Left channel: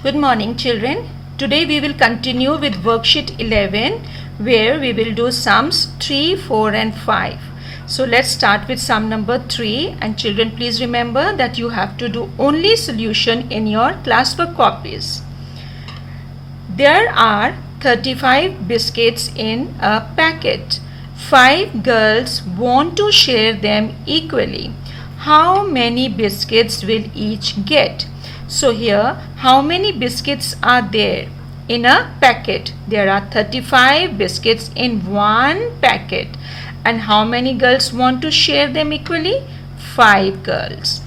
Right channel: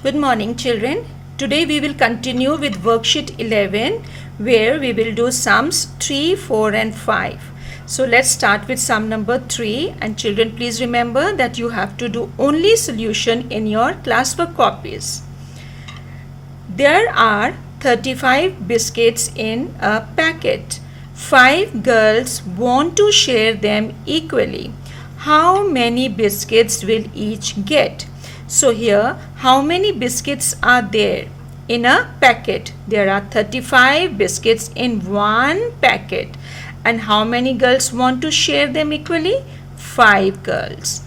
Good morning, children. Today we will continue with worksheet 11 where we will do sums 3, 4 and 5. So let's start with sum number 3, and children, please remember that you have to do only solution in your classwork copies. There are 35 biscuits in a packet. 5 girls want to share them equally. How many biscuits will each get? So here, how many biscuits are there in a packet? There are 35 biscuits in one packet. And how many girls want to share them equally? 5 girls.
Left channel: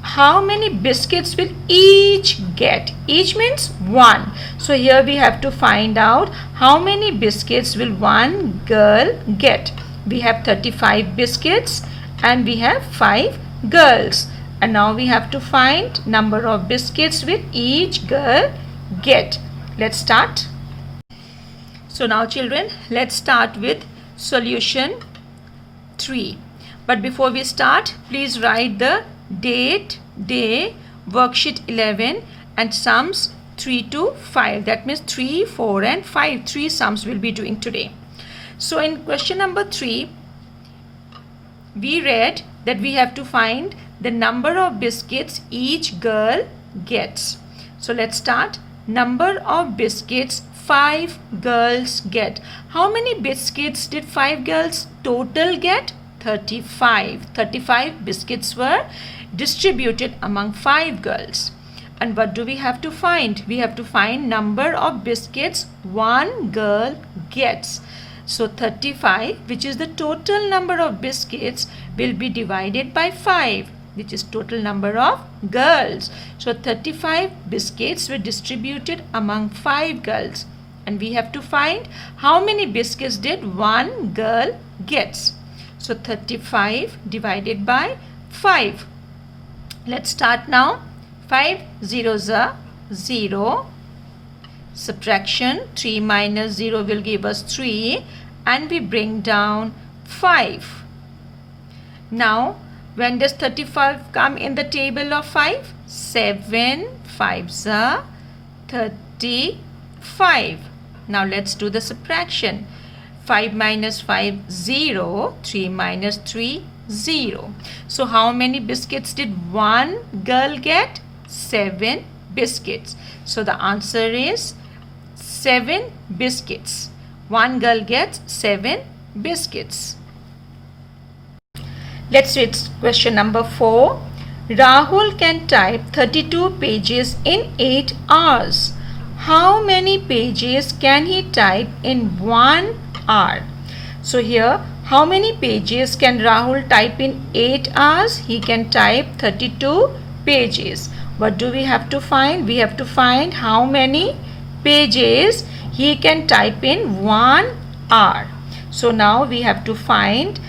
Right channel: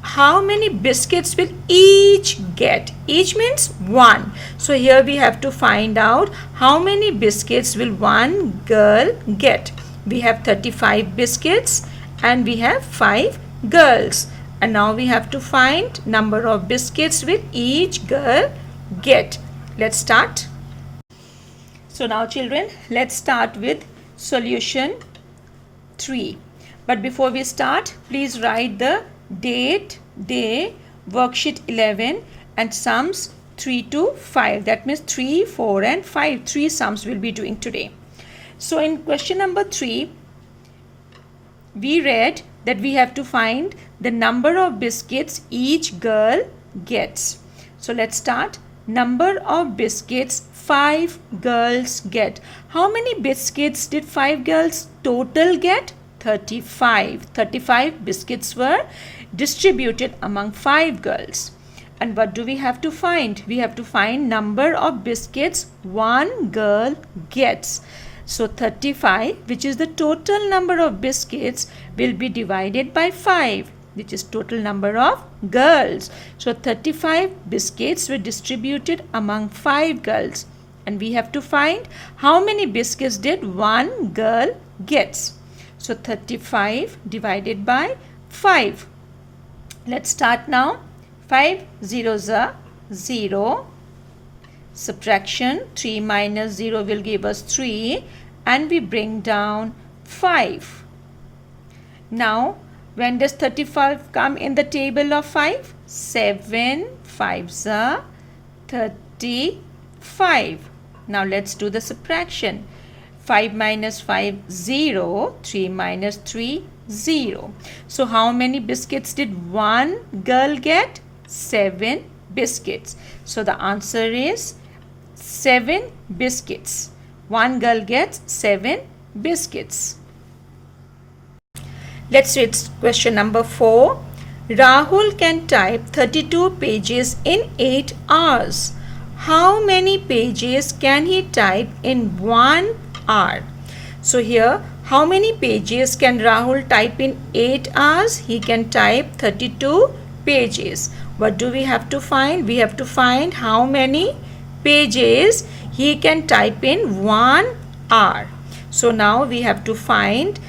How many biscuits will each get? Each means one. So here we have to find out how many biscuits will one girl get. We have 35 biscuits and we have 5 girls. And now we have to find number of biscuits will each girl get. Let's start. So now children, let's start with solution 3. But before we start, please write the date, day, worksheet 11 and sums 3 to 5. That means 3, 4 and 5. 3 sums we'll be doing today. So in question number 3, we read that we have to find the number of biscuits each girl gets. So let's start. Number of biscuits 5 girls get. How many biscuits did 5 girls total get? 35. 35 biscuits were distributed among 5 girls. And what do we have to find? We have to find number of biscuits one girl gets. So 35, which is the total number of biscuits, will be divided by 5, which is total number of girls. So 35 biscuits were distributed among 5 girls. And we have to find how many biscuits did one girl gets. So 35 divided by 5. Let's start now. 5 zeros are 0. Subtraction 3 minus 0 will give us 3. And we bring down 5. Now, when does 35 come in the table of 5? 7 5s are 35. Now, let's do the subtraction. 5 minus 5, 0. 3 minus 3, 0. So, how many biscuits did one girl get? 7 biscuits. So, the answer is 7 biscuits. One girl gets 7 biscuits. Let's read question number 4. Rahul can type 32 pages in 8 hours. How many pages can he type in 1 hour? So here, how many pages can Rahul type in 8 hours? He can type 32 pages. What do we have to find? We have to find how many pages he can type in 1 hour. So now we have to find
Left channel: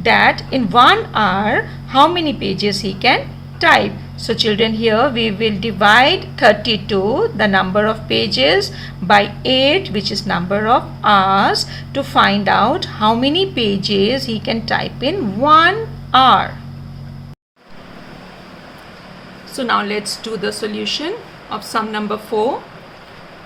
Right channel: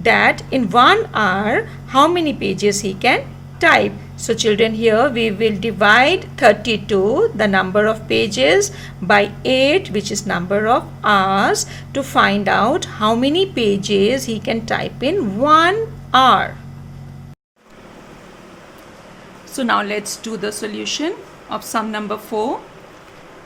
that in 1 hour how many pages he can type. So children, here we will divide 32, the number of pages, by 8, which is number of hours, to find out how many pages he can type in 1 hour. So now let's do the solution of sum number 4.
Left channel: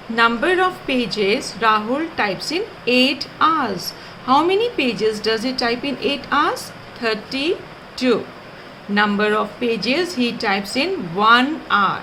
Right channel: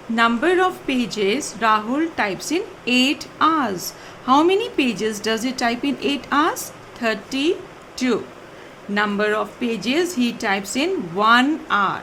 Number of pages Rahul types in 8 hours. How many pages does he type in 8 hours? 32. Number of pages he types in 1 hour.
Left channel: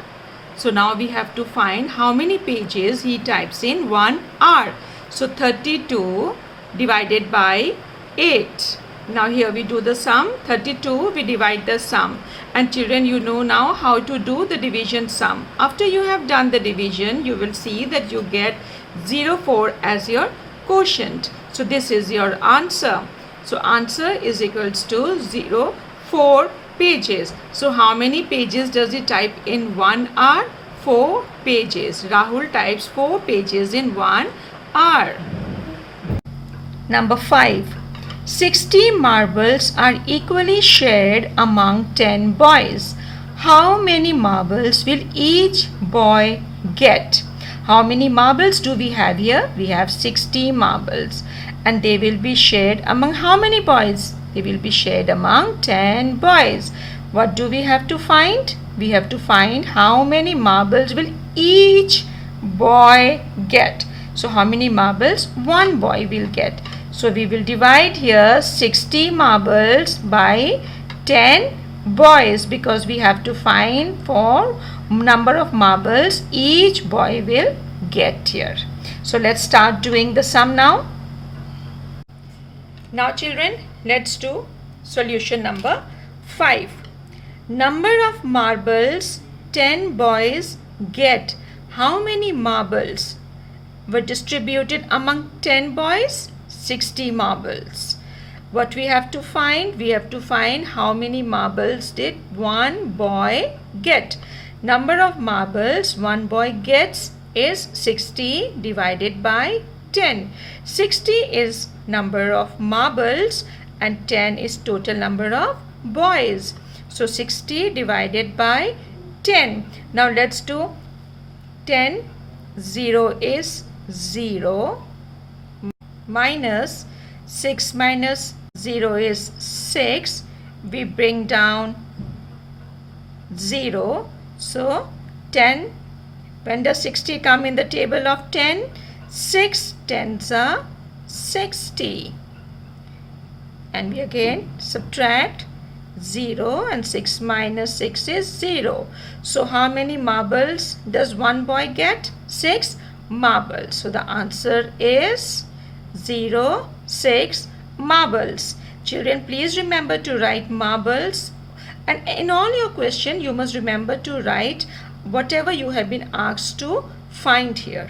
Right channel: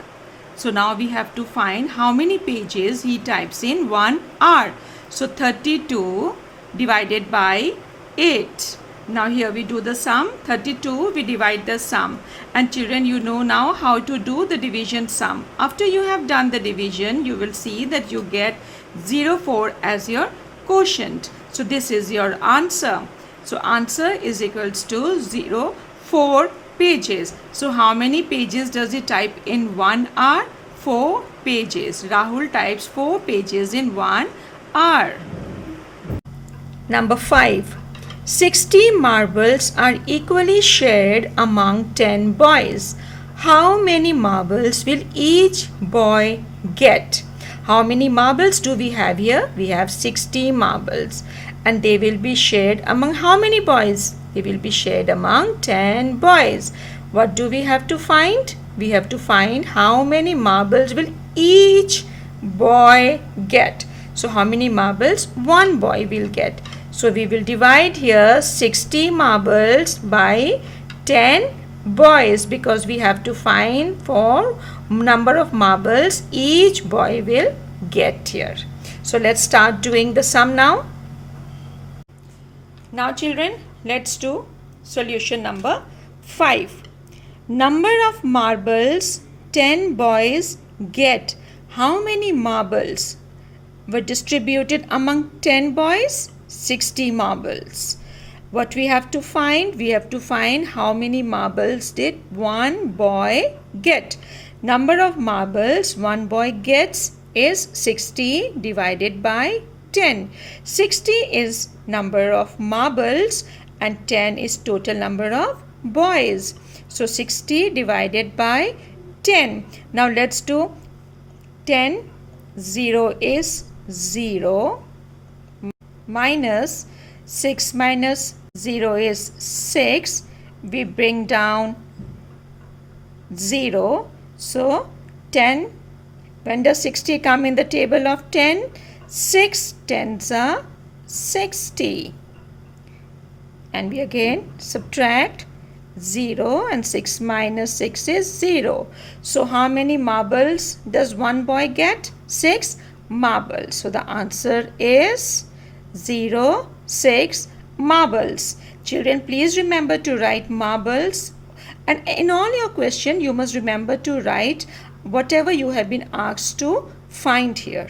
So now we have to find how many pages he types in 1 hour. So 32 divided by 8. Now here we do the sum. 32 we divide the sum. And children, you know now how to do the division sum. After you have done the division, you will see that you get 0.4 as your quotient. So this is your answer. So answer is equals to 0.4 pages. So how many pages does he type in 1 hour? 4 pages. Rahul types 4 pages in 1 hour. Number 5. 60 marbles are equally shared among 10 boys. How many marbles will each boy get? How many marbles do we have here? We have 60 marbles. And they will be shared among how many boys? They will be shared among 10 boys. What do we have to find? we have to find how many marbles will each boy get. So how many marbles one boy will get? So we will divide here 60 marbles by 10 boys, because we have to find for number of marbles each boy will get here. So let's start doing the sum now. Now children, let's do solution number 5. Number of marbles 10 boys get. How many marbles were distributed among 10 boys? 60 marbles. What we have to find? We have to find how many marbles did one boy get. Number of marbles one boy gets is 60 divided by 10. 60 is number of marbles and 10 is total number of boys. So 60 divided by 10. Now let's do 10. 0 is 0. Minus 6 minus 0 is 6. We bring down 0. So 10. When does 60 come in the table of 10? 6 tens are 60. And we again subtract 0, and 6 minus 6 is 0. So how many marbles does one boy get? 6 marbles. So the answer is 0, 6 marbles. Children, please remember to write marbles, and in all your question you must remember to write whatever you have been asked to find here.